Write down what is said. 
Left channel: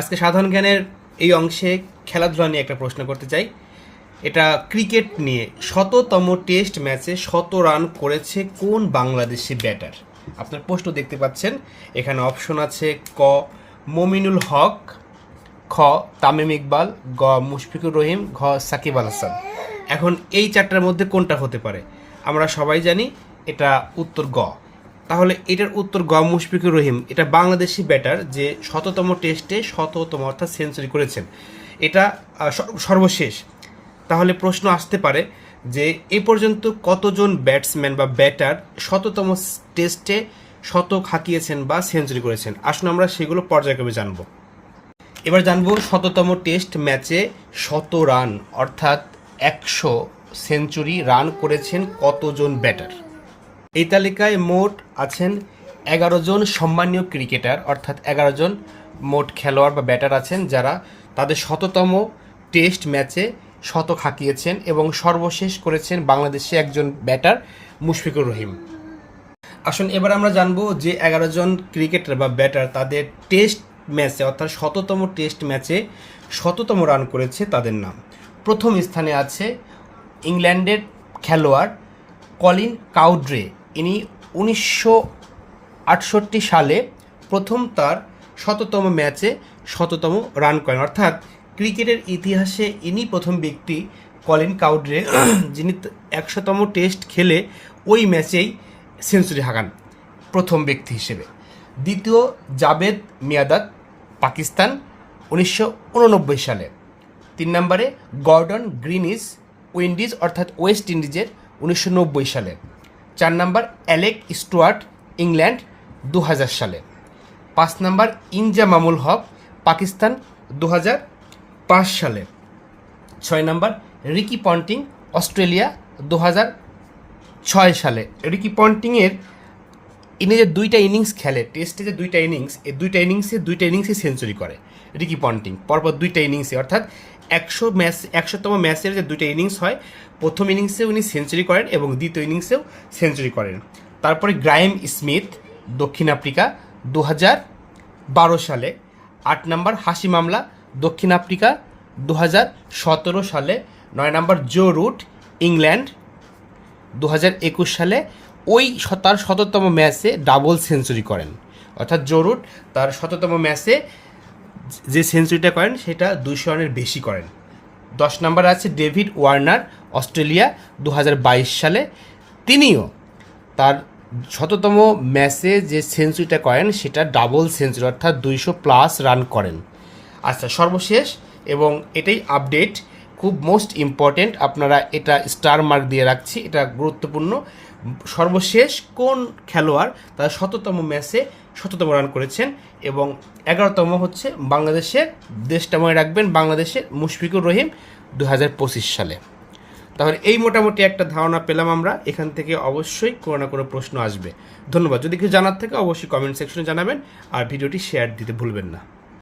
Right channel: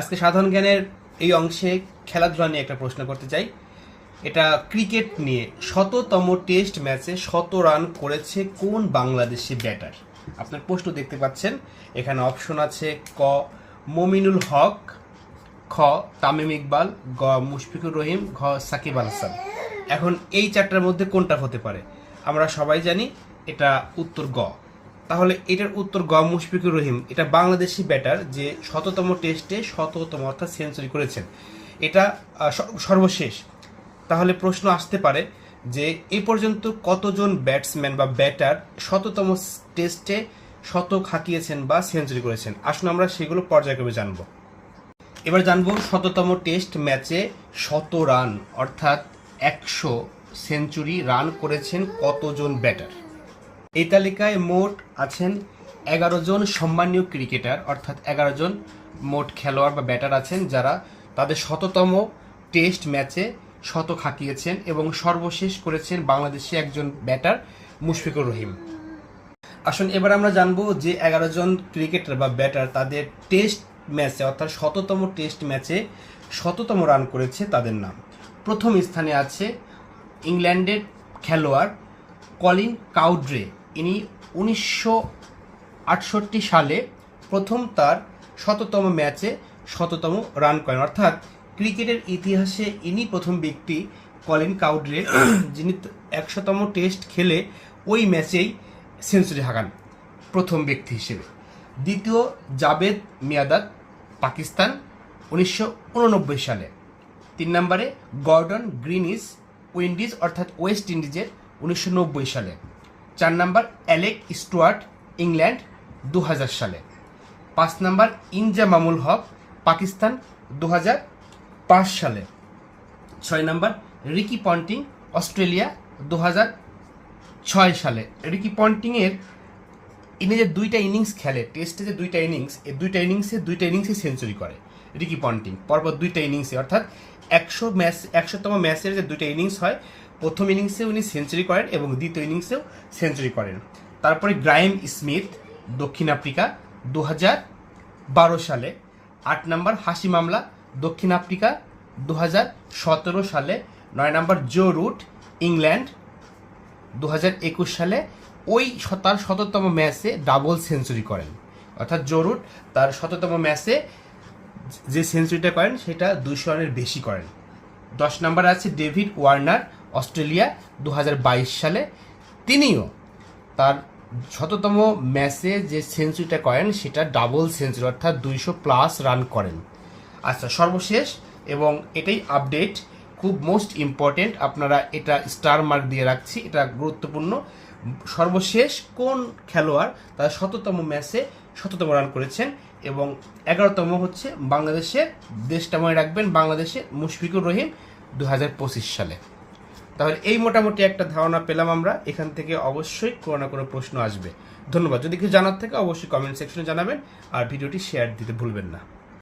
আজকে সাধারণ জ্ঞানের এই অংশে খেলাধুলা নিয়ে একটা প্রশ্ন করতে চাই। এটা ক্রিকেট নিয়ে। শততম টেস্ট ম্যাচে 100 রান করেছে কোন বাংলাদেশি ব্যাটার? আপনার প্রশ্ন দেখতে পাচ্ছেন, এখানে অপশন আছে ক মমিনুল হক, খ তামিম ইকবাল, গ মুশফিকুর রহিম, ঘ সাকিব আল হাসান। এখন এই চারটার মধ্যে কোনটা হতে পারে? আমরা সবাই জানি এটা উত্তর গ। তাহলে এটার উত্তর গ মুশফিকুর রহিম। এটা বাংলাদেশি ব্যাটার যে শততম টেস্টে শততম অর্থাৎ সেঞ্চুরি করেছেন, এটা সর্বশেষ। তাহলে প্রশ্ন আসতে পারে যে এ পর্যন্ত কতজন ব্যাটসম্যান বা ব্যাটার শততম টেস্টে শতক হাঁকিয়েছেন বা সেঞ্চুরি করেছেন। আসুন আমরা সেগুলো পর্যায়ক্রমে জানব। এবার জানবো শততম টেস্ট ম্যাচে 100 রান অর্থাৎ 100 সেঞ্চুরি রান করেছেন কতজন ব্যাটার। এই তালিকায় মোট আছেন 11 জন সম্মানীয় ক্রিকেটার, অর্থাৎ 11 জন মোট খেলোয়াড় বা ব্যাটার আছেন যারা তাদের শততম টেস্ট ম্যাচে শতক হাঁকিয়েছেন এবং সর্বশেষ করেছেন বাংলাদেশে একজন ব্যাটার মুশফিকুর রহিম। আসুন এবার আমরা জানবো যে 11 জন ক্রিকেটার বা ব্যাটার তাদের টেস্ট ম্যাচে অর্থাৎ শততম টেস্ট ম্যাচে শততম রান করেছে তাদের নাম। প্রথম স্থানে আছে ইংল্যান্ডের খেলোয়াড় কলিন কাউড্রে। ইনি 1968 সালে প্রথম তার শততম ম্যাচে শততম রান করেন, অর্থাৎ ক্রিকেটের ইতিহাসে ইনি প্রথম ব্যক্তি কলিন কাউড্রে যিনি 100তম টেস্ট খেলে ওই ম্যাচেই সেঞ্চুরি হাঁকান প্রথম ব্যক্তি হিসেবে। দ্বিতীয় জাভেদ মিয়াঁদাদ, পাকিস্তান, 1989 সালে। 3 নম্বরে গর্ডন গ্রিনিস, উইন্ডিজ অর্থাৎ ওয়েস্ট ইন্ডিজের, 1990 সালে। 4 নম্বর অ্যালেক স্টুয়ার্ট, ইংল্যান্ড, 2000 সালে। 5 নম্বর ইনজামামুল হক, পাকিস্তান, 2005 সালে। 6 নম্বর রিকি পন্টিং, অস্ট্রেলিয়া, 2006 সালে। রিকি পন্টিংয়ের ইনি যে 2টা ইনিংস খেলে টেস্টে, যে 2টা ইনিংস, এই 2টা ইনিংসে সেঞ্চুরি করে রিকি পন্টিং পরপর 2টা ইনিংসে, অর্থাৎ 100তম ম্যাচের যে 2টা ইনিংস হয়, প্রথম ইনিংসে উনি সেঞ্চুরি করেন এবং দ্বিতীয় ইনিংসেও সেঞ্চুরি করেন। তারপরে গ্রাইম স্মিথ, দক্ষিণ আফ্রিকা, 2012 সালে। 8 নম্বর হাশিম আমলা, দক্ষিণ আফ্রিকা, 2017 সালে। 9 নম্বর জো রুট, ইংল্যান্ড, 2021 সালে। ওই তার শততম ম্যাচে ডাবল সেঞ্চুরি করেন, অর্থাৎ জো রুট তার শততম ম্যাচে যে সেঞ্চুরিটা করেন সেটা 200 রানের বেশি করেন। 10 নম্বরে আছে ডেভিড ওয়ার্নার, অস্ট্রেলিয়া, 2022 সালে। তিনিও তার শততম ম্যাচে যে সেঞ্চুরিটা করেন সেটা ডাবল সেঞ্চুরি, অর্থাৎ 200+ রান করেন। আচ্ছা, সর্বশেষ এবং এটাই আপডেট, খুব মোস্ট ইম্পর্টেন্ট, আপনারা এটা স্টার মার্ক দিয়ে রাখছি, এটা গুরুত্বপূর্ণ। সর্বশেষ কোন খেলোয়াড় তার শততম ম্যাচে শততম রান করেছেন এবং 11তম হচ্ছে বাংলাদেশের, দেশটা মনে রাখবেন, বাংলাদেশের মুশফিকুর রহিম, 2025 সালে। তাহলে এই মোটামুটি একটা ধারণা পেলাম আমরা। এখান থেকে অবশ্যই কোনো না কোনো প্রশ্ন আসবে। ধন্যবাদ। যদি কিছু জানার থাকে অবশ্যই কমেন্ট সেকশনে জানাবেন আর ভিডিওটি শেয়ার দিতে ভুলবেন না।